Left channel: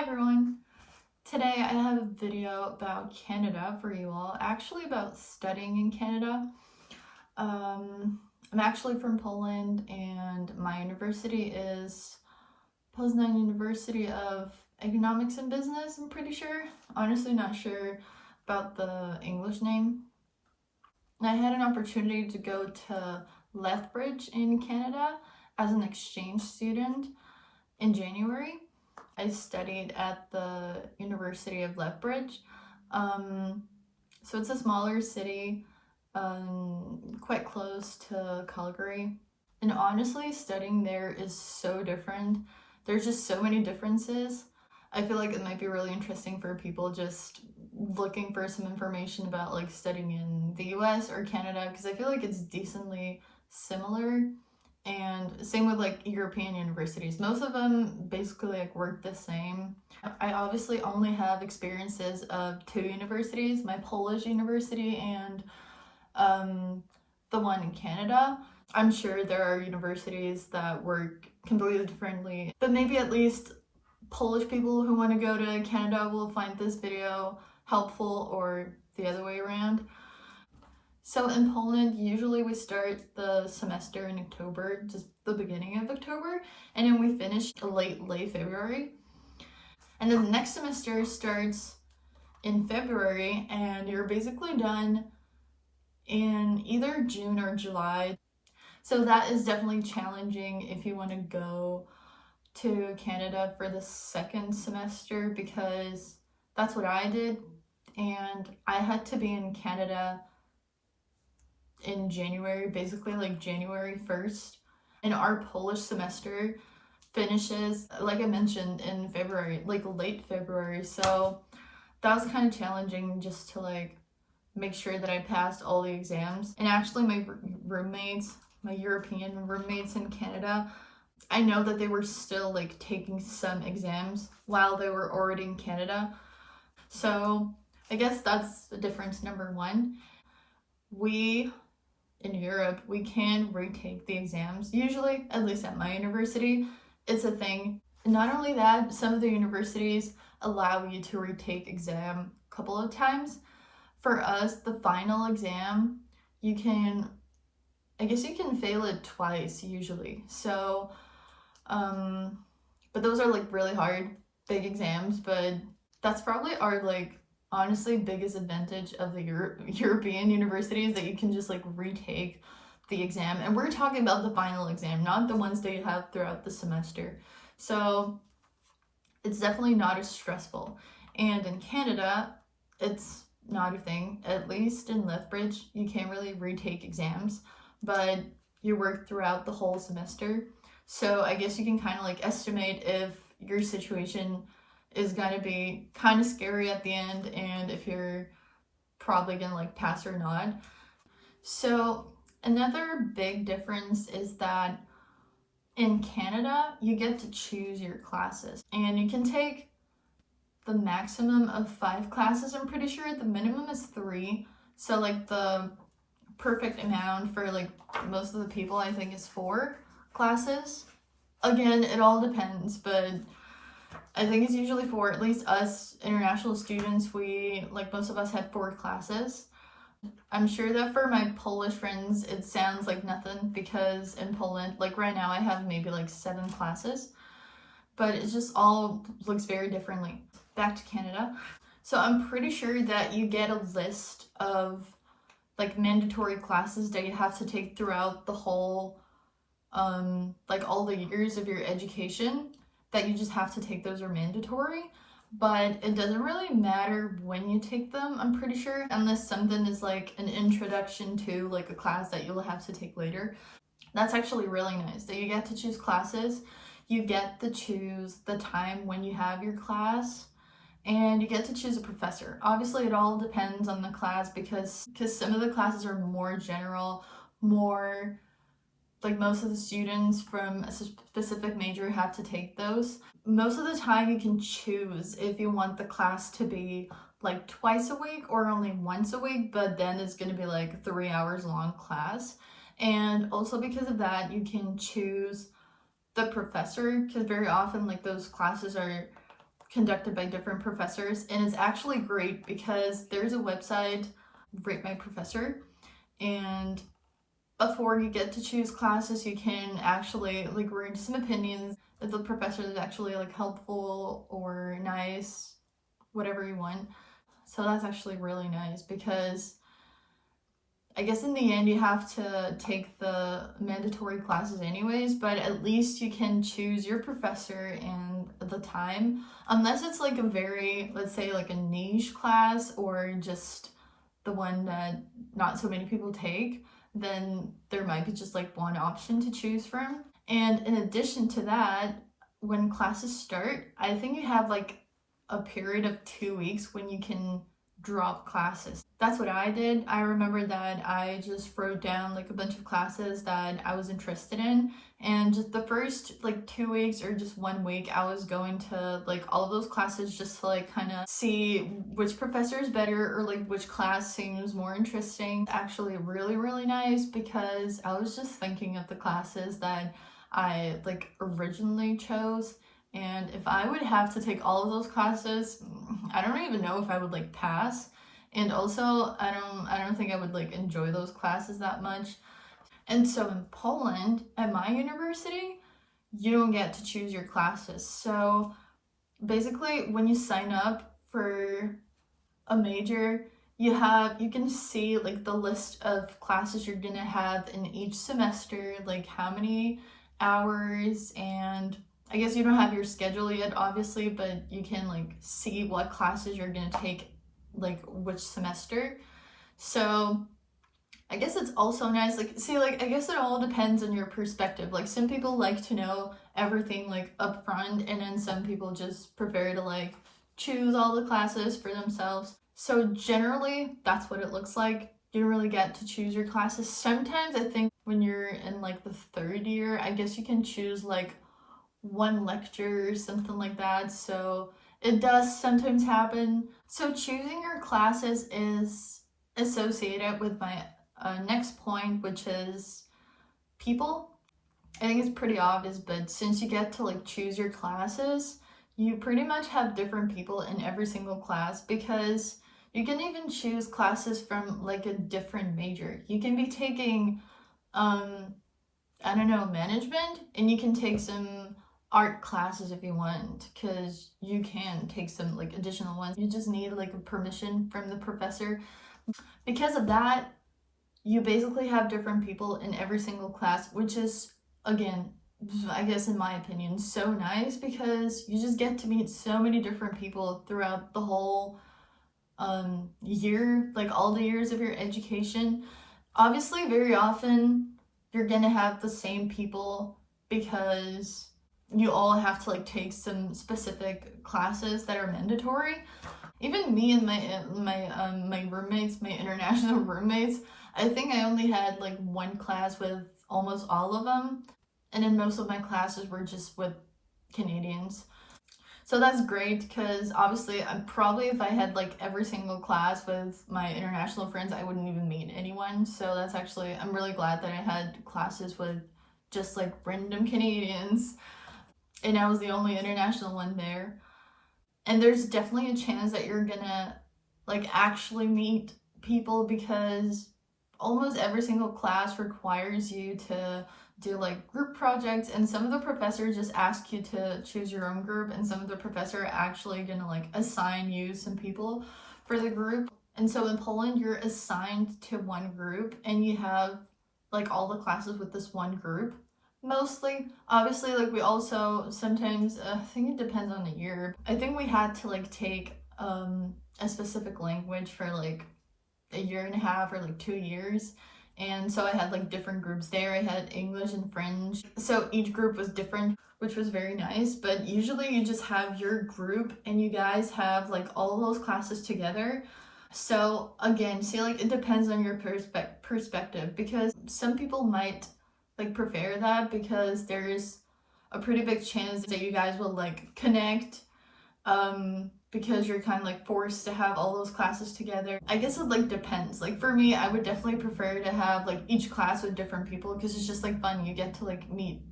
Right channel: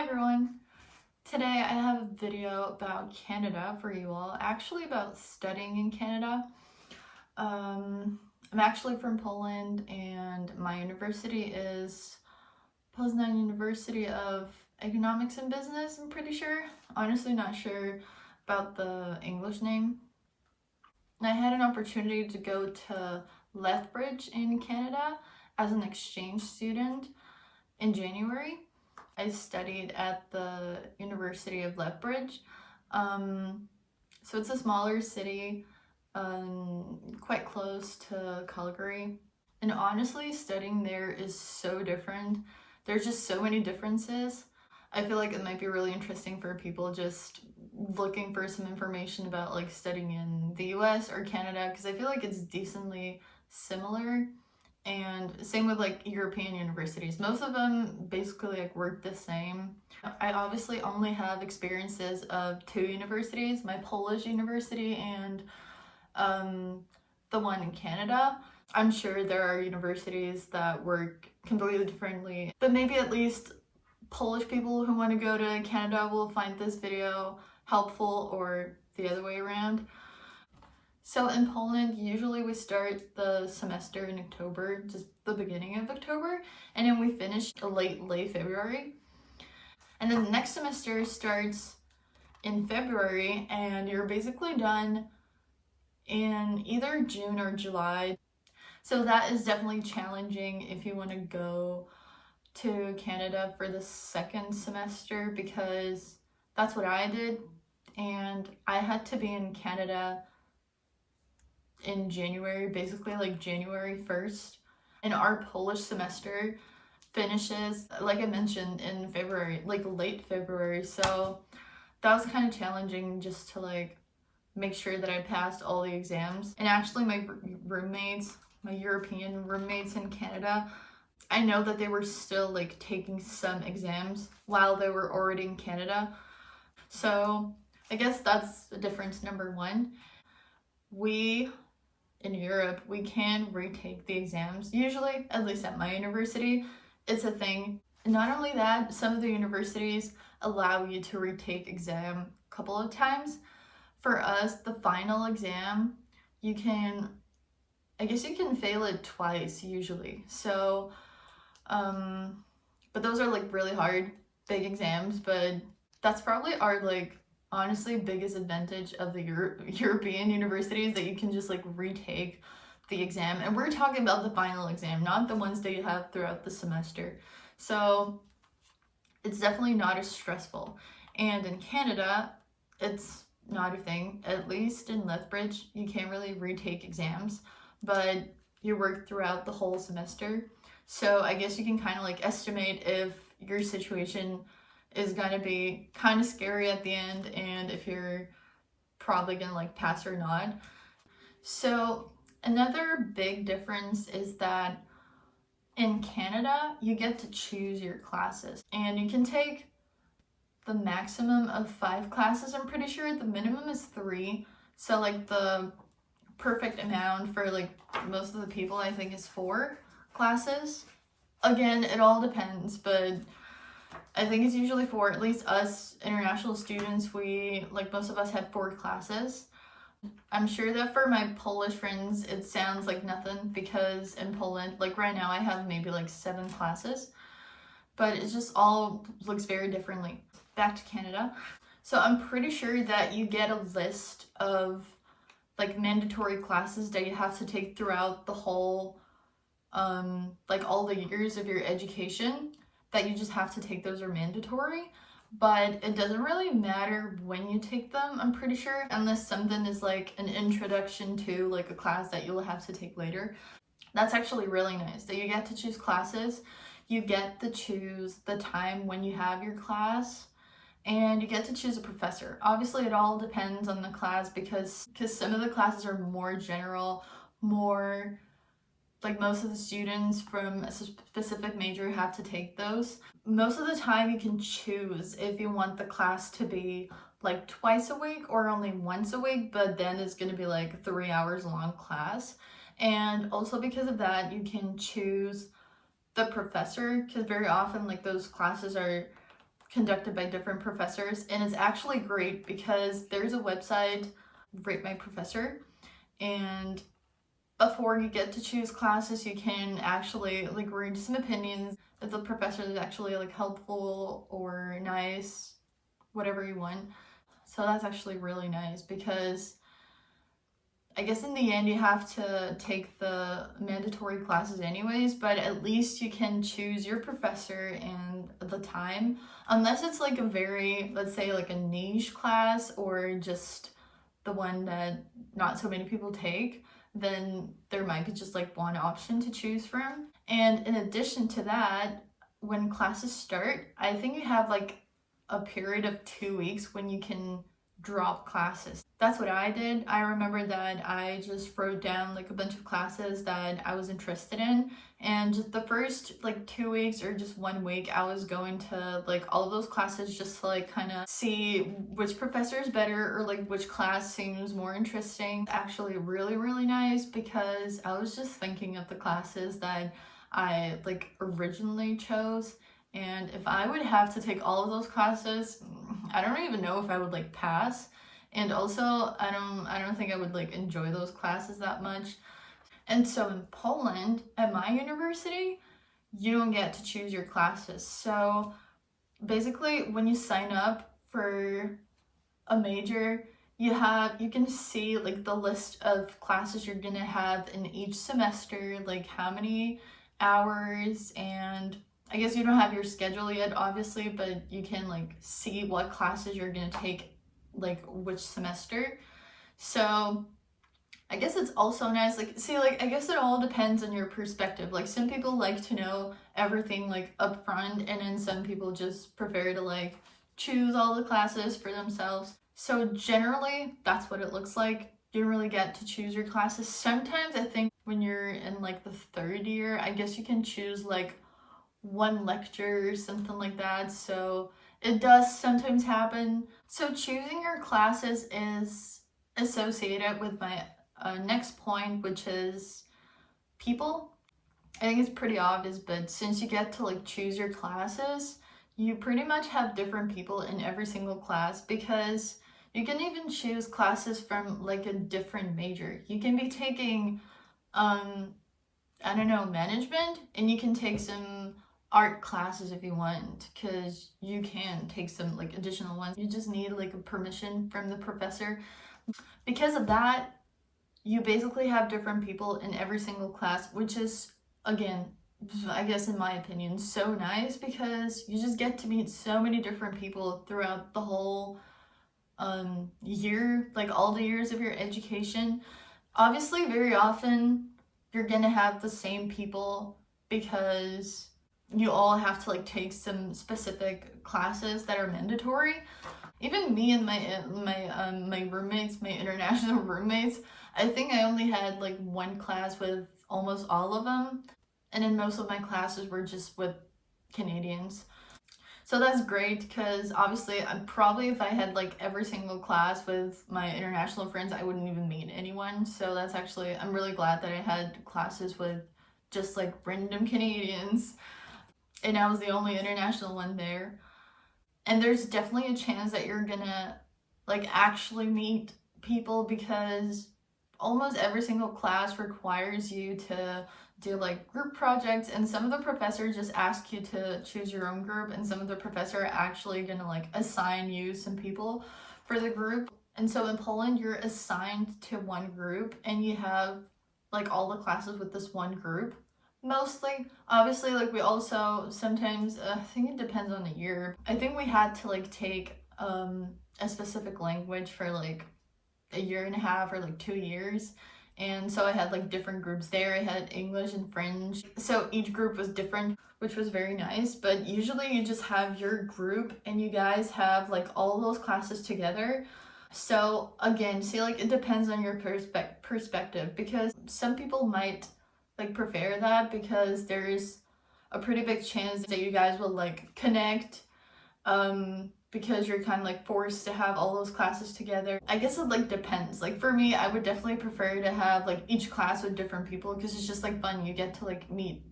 everyone! Today I have a video about Canada for you all, actually about studying in Canada. I'm actually from Poland and my university is Poznań University of Economics and Business, I'm pretty sure. Honestly not sure about the English name. I had an opportunity to go to Lethbridge in Canada as an exchange student in January. I studied at the University of Lethbridge. So it's a smaller city, quite close to Calgary. And honestly, studying there is so different. There's just so many differences. I feel like it might be really interesting for people just looking for some information about like studying in the US or Canada, because I feel like it's decently similar. And same with like European universities. Most of them basically like work the same. I obviously only have experiences of two universities, my Polish university and the one in Canada. I'm sure there are universities that work completely differently, but maybe at least Polish people who want to go to Canada will find this video helpful, or the other way around. So in Poland, usually we start the semester in October, just the beginning of October, and then we finish late February. And then the next semester starts in February, and you're basically done in either June or July. So that is definitely challenging if you want to go to Canada for the second semester, because that's what I did, and I had to be in Canada in January, basically like January 1st. And our Polish semester finishes, like I mentioned, in February, like late February. So that was kind of challenging just to like make sure that I passed all the exams. And actually my roommates, my European roommates in Canada, I know that they were still like taking some exams while they were already in Canada. So I guess that's the difference number one. In Europe, we can retake the exams. Usually, at least at my university, it's a thing. Not only that, some of the universities allow you to retake exam a couple of times. For us, the final exam, I guess you can fail it twice usually. So, but those are like really hard, big exams, but that's probably our like honestly biggest advantage of the European universities, that you can just like retake the exam. And we're talking about the final exam, not the ones that you have throughout the semester. So it's definitely not as stressful. And in Canada, it's not a thing. At least in Lethbridge, you can't really retake exams, but you work throughout the whole semester. So I guess you can kind of like estimate if your situation is going to be kind of scary at the end, and if you're probably going to like pass or not. So another big difference is that in Canada, you get to choose your classes, and you can take the maximum of 5 classes. I'm pretty sure the minimum is 3. So like the perfect amount for like most of the people, I think, is 4 classes. Again, it all depends, but I think it's usually 4. At least us international students, we, like most of us, have 4 classes. I'm sure that for my Polish friends, it sounds like nothing, because in Poland, like right now, I have maybe like 7 classes, but it just all looks very differently. Back to Canada. So I'm pretty sure that you get a list of like mandatory classes that you have to take throughout the whole, like all the years of your education, that you just have to take. Those are mandatory, but it doesn't really matter when you take them, I'm pretty sure, unless something is like an introduction to like a class that you'll have to take later. That's actually really nice that you get to choose classes, you get to choose the time when you have your class, and you get to choose a professor. Obviously it all depends on the class, because some of the classes are more general, more like most of the students from a specific major have to take those. Most of the time you can choose if you want the class to be like twice a week or only once a week, but then it's going to be like 3 hours long class. And also because of that, you can choose the professor, because very often like those classes are conducted by different professors, and it's actually great because there's a website, Rate My Professor, and before you get to choose classes, you can actually like read some opinions if the professor is actually like helpful or nice, whatever you want. So that's actually really nice because I guess in the end you have to take the mandatory classes anyways, but at least you can choose your professor and the time. Unless it's like a very, let's say like a niche class or just the one that not so many people take, then there might be just like one option to choose from. And in addition to that, when classes start, I think you have like a period of 2 weeks when you can drop classes. That's what I did. I remember that I just wrote down like a bunch of classes that I was interested in, and just the first like 2 weeks or just 1 week I was going to like all of those classes just to like kind of see which professor is better or like which class seems more interesting. Actually really nice because I was just thinking of the classes that I like originally chose, and if I would have to take all of those classes, I don't even know if I would like pass. And also, I don't think I would like enjoy those classes that much. And so in Poland, at my university, you don't get to choose your classes. So basically, when you sign up for a major, you can see like the list of classes you're gonna have in each semester, like how many hours, and I guess you don't have your schedule yet, obviously, but you can like see what classes you're gonna take like which semester. So I guess it's also nice, like, see, like, I guess it all depends on your perspective. Like, some people like to know everything like up front, and then some people just prefer to like choose all the classes for themselves. So generally, that's what it looks like. You don't really get to choose your classes. Sometimes I think when you're in like the third year, I guess you can choose like one lecture or something like that. So it does sometimes happen. So choosing your classes is associated with my next point, which is people. I think it's pretty obvious, but since you get to like choose your classes, you pretty much have different people in every single class, because you can even choose classes from like a different major. You can be taking I don't know, management, and you can take some art classes if you want, because you can take some like additional ones. You just need like a permission from the professor. Because of that, you basically have different people in every single class, which is, again, I guess in my opinion, so nice, because you just get to meet so many different people throughout the whole year, like all the years of your education. Obviously, very often you're gonna have the same people because you all have to like take some specific classes that are mandatory. Even me and my roommates, my international roommates, I think I only had like one class with almost all of them, and then most of my classes were just with Canadians. So that's great, because obviously I'm probably, if I had like every single class with my international friends, I wouldn't even meet anyone. So that's actually, I'm really glad that I had classes with just like random Canadians, and I was the only international one there. And there's definitely a chance that you're gonna like actually meet people, because almost every single class requires you to do like group projects, and some of the professors just ask you to choose your own group, and some of the professors are actually gonna like assign you some people for the group. And so in Poland, you're assigned to one group, and you have like all the classes with this one group. Mostly, obviously, like we also sometimes, I think it depends on the year. I think we had to like take a specific language for like a year and a half or like 2 years. And so I had like different groups there. I had English and French. So each group was different, which was very nice. But usually you just have your group and you guys have like all those classes together. So again, see, like it depends on your perspective, because some people might like prefer that because there's a pretty big chance that you guys will like connect, because you're kind of like forced to have all those classes together. I guess it like depends. Like for me, I would definitely prefer to have like each class with different people, because it's just like fun. You get to like meet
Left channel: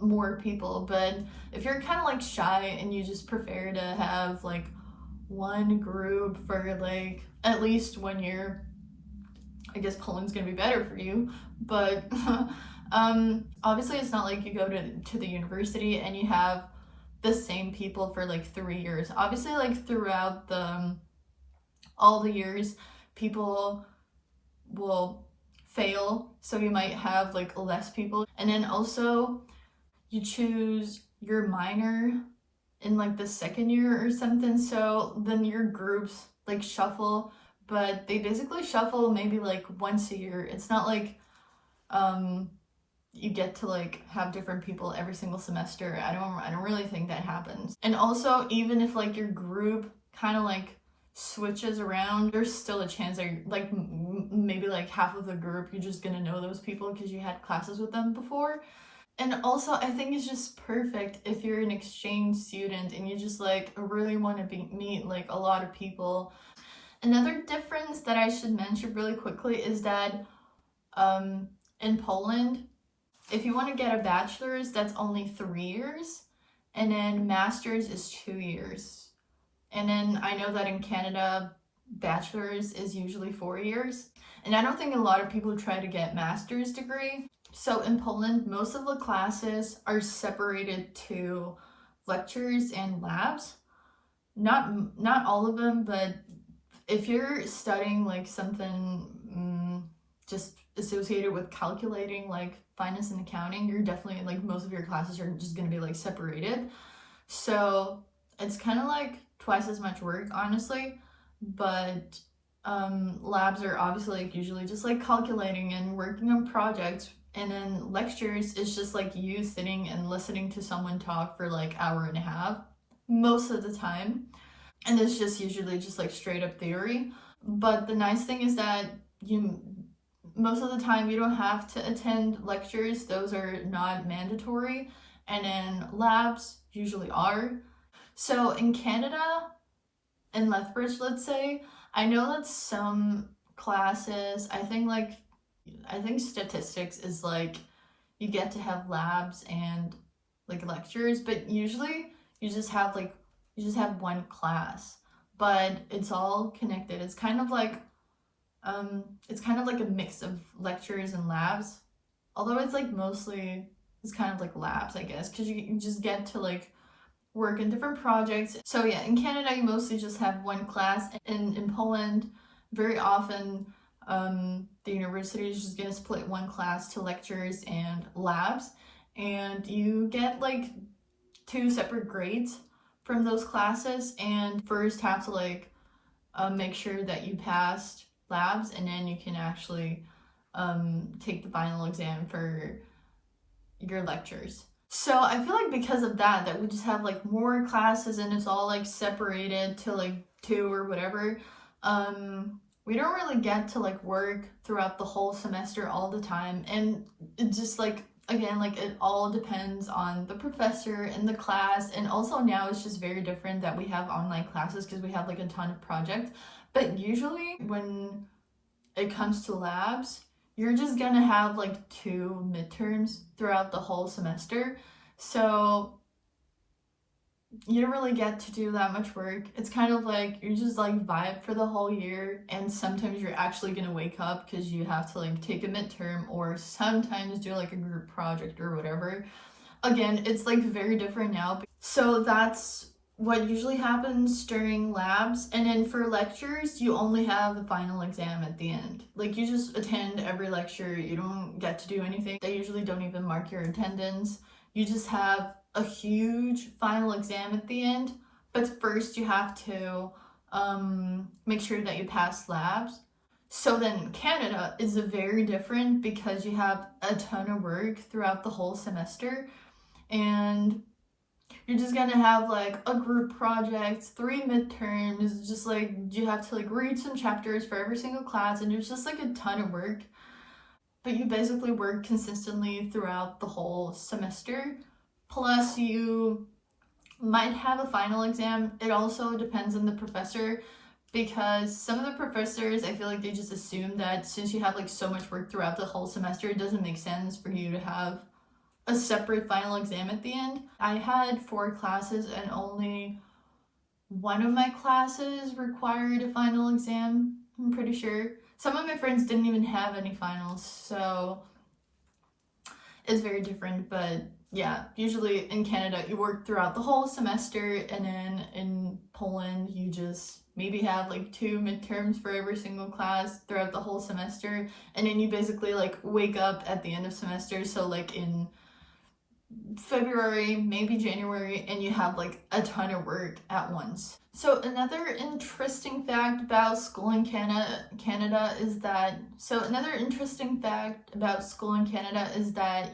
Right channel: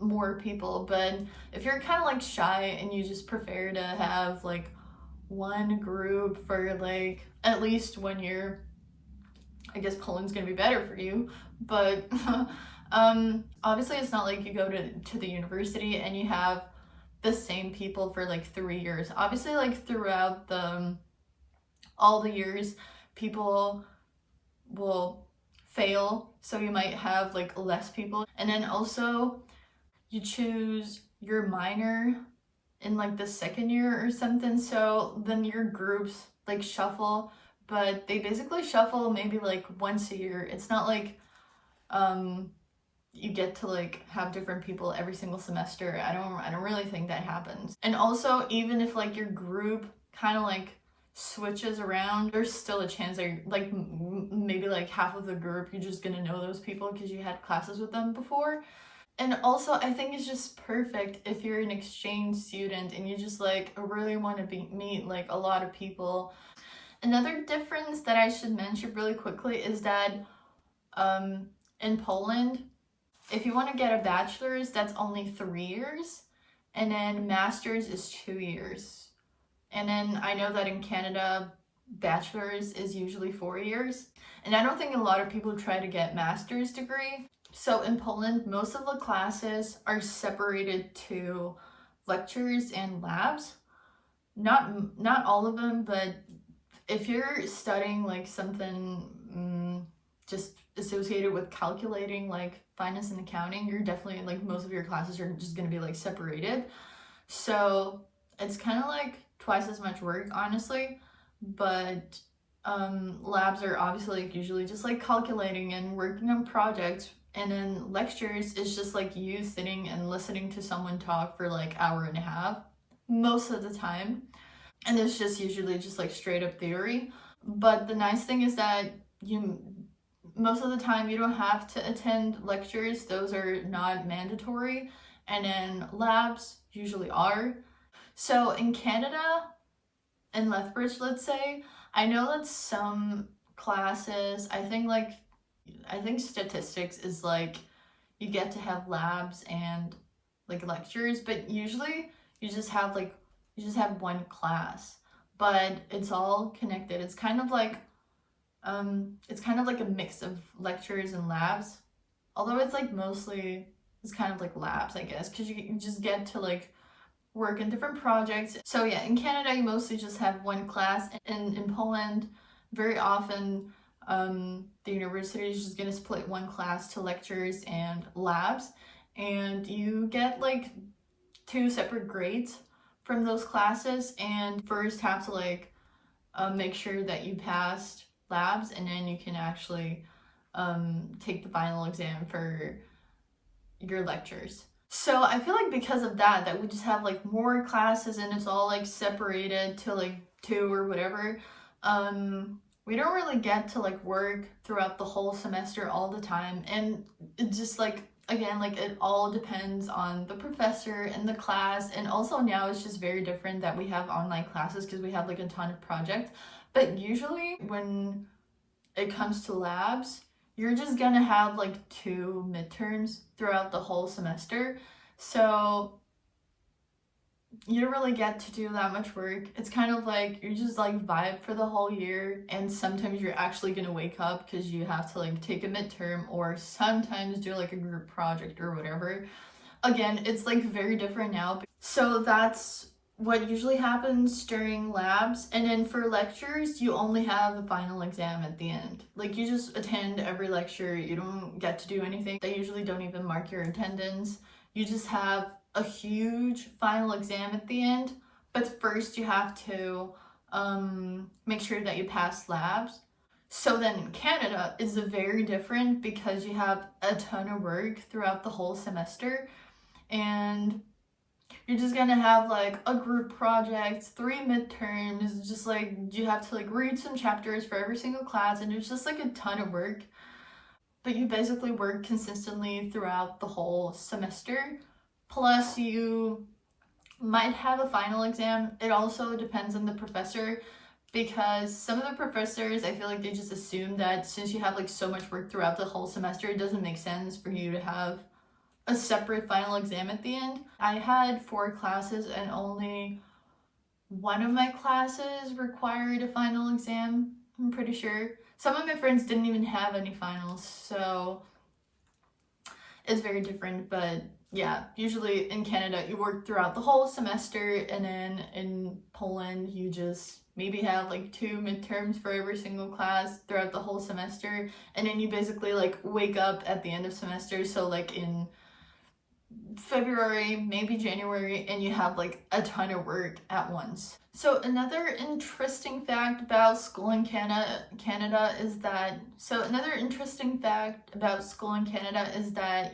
more people. But if you're kind of like shy and you just prefer to have like one group for like at least 1 year, I guess Poland's gonna be better for you. But obviously it's not like you go to the university and you have the same people for like 3 years. Obviously, like throughout all the years, people will fail, so you might have like less people. And then also you choose your minor in like the second year or something, so then your groups like shuffle, but they basically shuffle maybe like once a year. It's not like you get to like have different people every single semester. I don't really think that happens. And also, even if like your group kind of like switches around, there's still a chance that like maybe like half of the group you're just gonna know those people because you had classes with them before. And also, I think it's just perfect if you're an exchange student and you just like really want to meet like a lot of people. Another difference that I should mention really quickly is that in Poland, if you want to get a bachelor's, that's only 3 years, and then master's is 2 years. And then I know that in Canada, bachelor's is usually 4 years. And I don't think a lot of people try to get master's degree. So in Poland, most of the classes are separated to lectures and labs. Not all of them, but if you're studying like something just associated with calculating, like finance and accounting, you're definitely like most of your classes are just going to be like separated. So it's kind of like twice as much work, honestly. But labs are obviously like usually just like calculating and working on projects. And then lectures is just like you sitting and listening to someone talk for like hour and a half most of the time. And it's just usually just like straight up theory. But the nice thing is that most of the time you don't have to attend lectures. Those are not mandatory. And then labs usually are. So in Canada, in Lethbridge, let's say, I know that some classes, I think statistics is like you get to have labs and like lectures, but usually you just have one class, but it's all connected. It's kind of like a mix of lectures and labs, although it's like mostly it's kind of like labs, I guess, because you just get to like work in different projects. So yeah, in Canada you mostly just have one class, and in Poland very often the university is just gonna split one class to lectures and labs, and you get like 2 separate grades from those classes, and first have to like make sure that you passed labs, and then you can actually take the final exam for your lectures. So I feel like because of that we just have like more classes and it's all like separated to like 2 or whatever. We don't really get to like work throughout the whole semester all the time, and it just like, again, like it all depends on the professor and the class. And also now it's just very different that we have online classes because we have like a ton of projects. But usually when it comes to labs, you're just gonna have like 2 midterms throughout the whole semester. So you don't really get to do that much work. It's kind of like you just like vibe for the whole year, and sometimes you're actually gonna wake up because you have to like take a midterm, or sometimes do like a group project or whatever. Again, it's like very different now. So that's what usually happens during labs. And then for lectures, you only have the final exam at the end. Like you just attend every lecture, you don't get to do anything. They usually don't even mark your attendance. You just have a huge final exam at the end, but first you have to make sure that you pass labs. So then in Canada, it's very different because you have a ton of work throughout the whole semester, and you're just gonna have like a group project, 3 midterms, just like you have to like read some chapters for every single class, and there's just like a ton of work. But you basically work consistently throughout the whole semester. Plus you might have a final exam. It also depends on the professor, because some of the professors, I feel like they just assume that since you have like so much work throughout the whole semester, it doesn't make sense for you to have a separate final exam at the end. I had 4 classes and only one of my classes required a final exam, I'm pretty sure. Some of my friends didn't even have any finals, so it's very different. But yeah, usually in Canada you work throughout the whole semester, and then in Poland you just maybe have like 2 midterms for every single class throughout the whole semester, and then you basically like wake up at the end of semester, so like in February, maybe January, and you have like a ton of work at once. So another interesting fact about school in Canada is that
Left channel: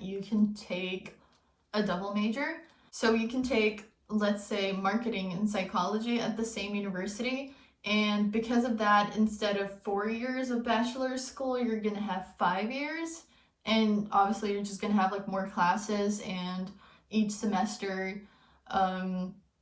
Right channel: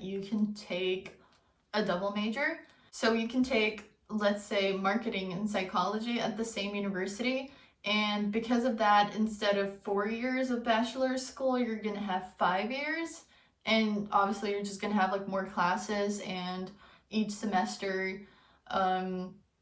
you can take a double major. So you can take, let's say, marketing and psychology at the same university, and because of that, instead of 4 years of bachelor's school, you're gonna have 5 years. And obviously you're just gonna have like more classes, and each semester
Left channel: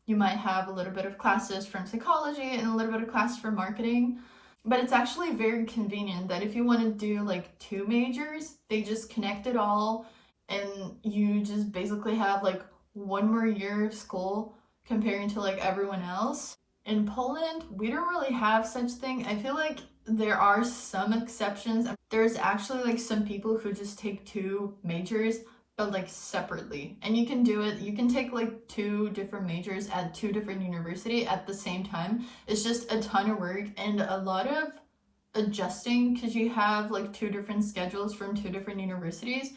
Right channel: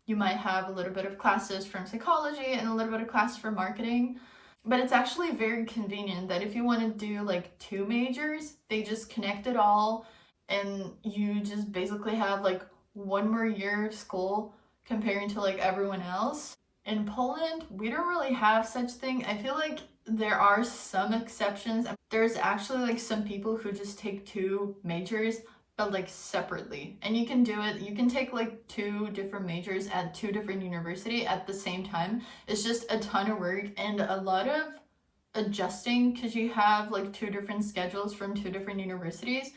you might have a little bit of classes from psychology and a little bit of classes for marketing. But it's actually very convenient that if you want to do like 2 majors, they just connect it all, and you just basically have like 1 more year of school comparing to like everyone else. In Poland, we don't really have such thing. I feel like there are some exceptions. There's actually like some people who just take 2 majors, but like separately. And you can do it. You can take like 2 different majors at 2 different universities at the same time. It's just a ton of work and a lot of adjusting, because you have like 2 different schedules from 2 different universities,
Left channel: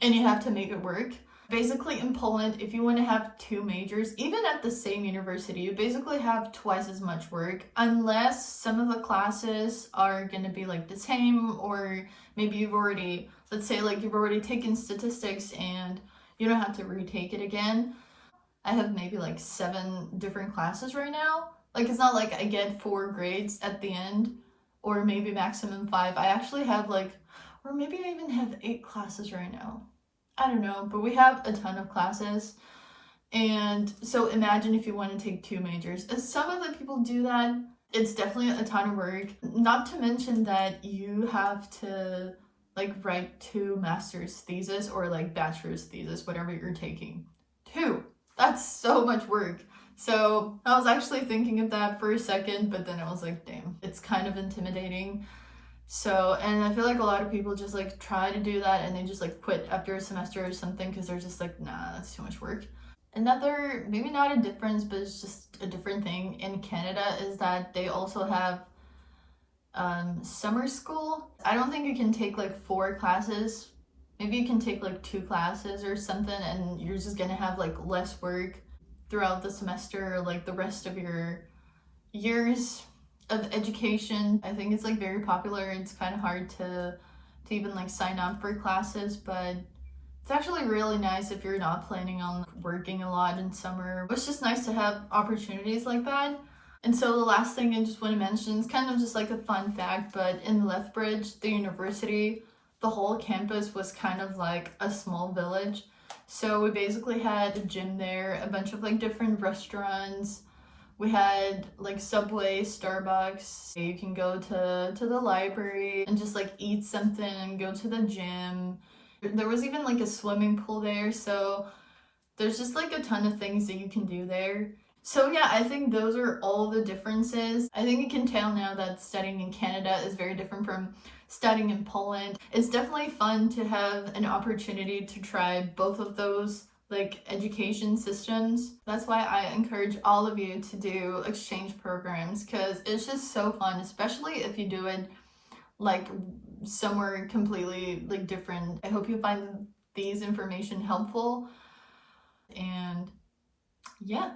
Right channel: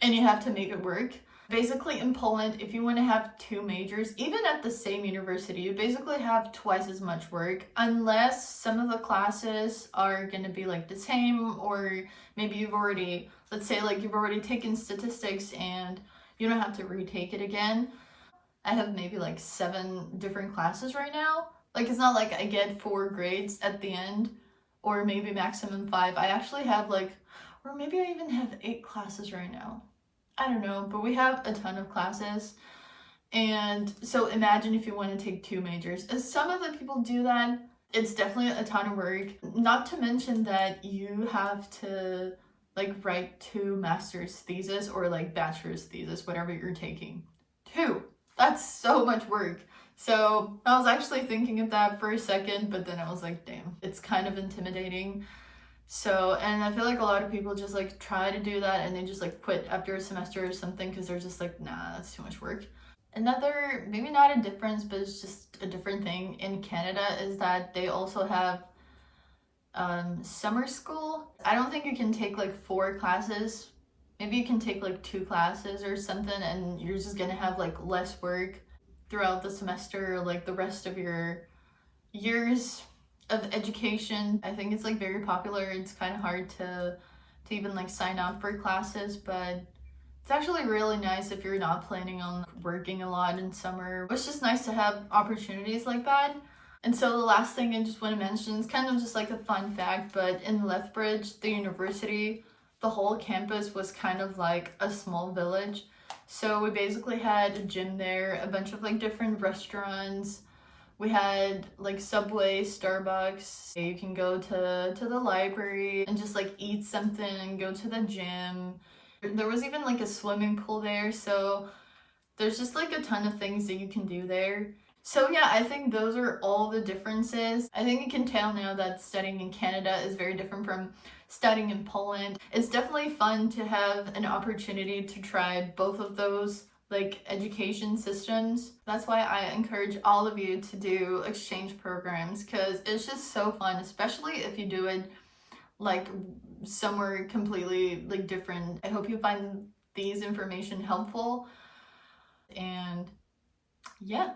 and you have to make it work. Basically in Poland, if you want to have 2 majors, even at the same university, you basically have twice as much work, unless some of the classes are going to be like the same, or maybe you've already, let's say like you've already taken statistics and you don't have to retake it again. I have maybe like 7 different classes right now. Like it's not like I get 4 grades at the end, or maybe maximum 5. I actually have like, or maybe I even have 8 classes right now. I don't know, but we have a ton of classes. And so imagine if you want to take 2 majors. As some of the people do that, it's definitely a ton of work. Not to mention that you have to like write 2 master's thesis or like bachelor's thesis, whatever you're taking. 2. That's so much work. So I was actually thinking of that for a second, but then I was like, damn, it's kind of intimidating. So, and I feel like a lot of people just like try to do that and they just like quit after a semester or something, because they're just like, nah, that's too much work. Another, maybe not a difference, but it's just a different thing in Canada, is that they also have summer school. I don't think you can take like 4 classes. Maybe you can take like 2 classes or something, and you're just gonna have like less work throughout the semester or like the rest of your years of education. I think it's like very popular. It's kind of hard to even like sign up for classes, but it's actually really nice if you're not planning on working a lot in summer. It's just nice to have opportunities like that. And so the last thing I just want to mention is kind of just like a fun fact, but in Lethbridge, the university, the whole campus was kind of like a small village. So we basically had a gym there, a bunch of like different restaurants. We had like Subway, Starbucks. You can go to the library and just like eat something and go to the gym. There was even like a swimming pool there. So there's just like a ton of things that you can do there. So yeah, I think those are all the differences. I think you can tell now that studying in Canada is very different from studying in Poland. It's definitely fun to have an opportunity to try both of those like education systems. That's why I encourage all of you to do exchange programs, because it's just so fun, especially if you do it like somewhere completely like different. I hope you find these information helpful, and yeah.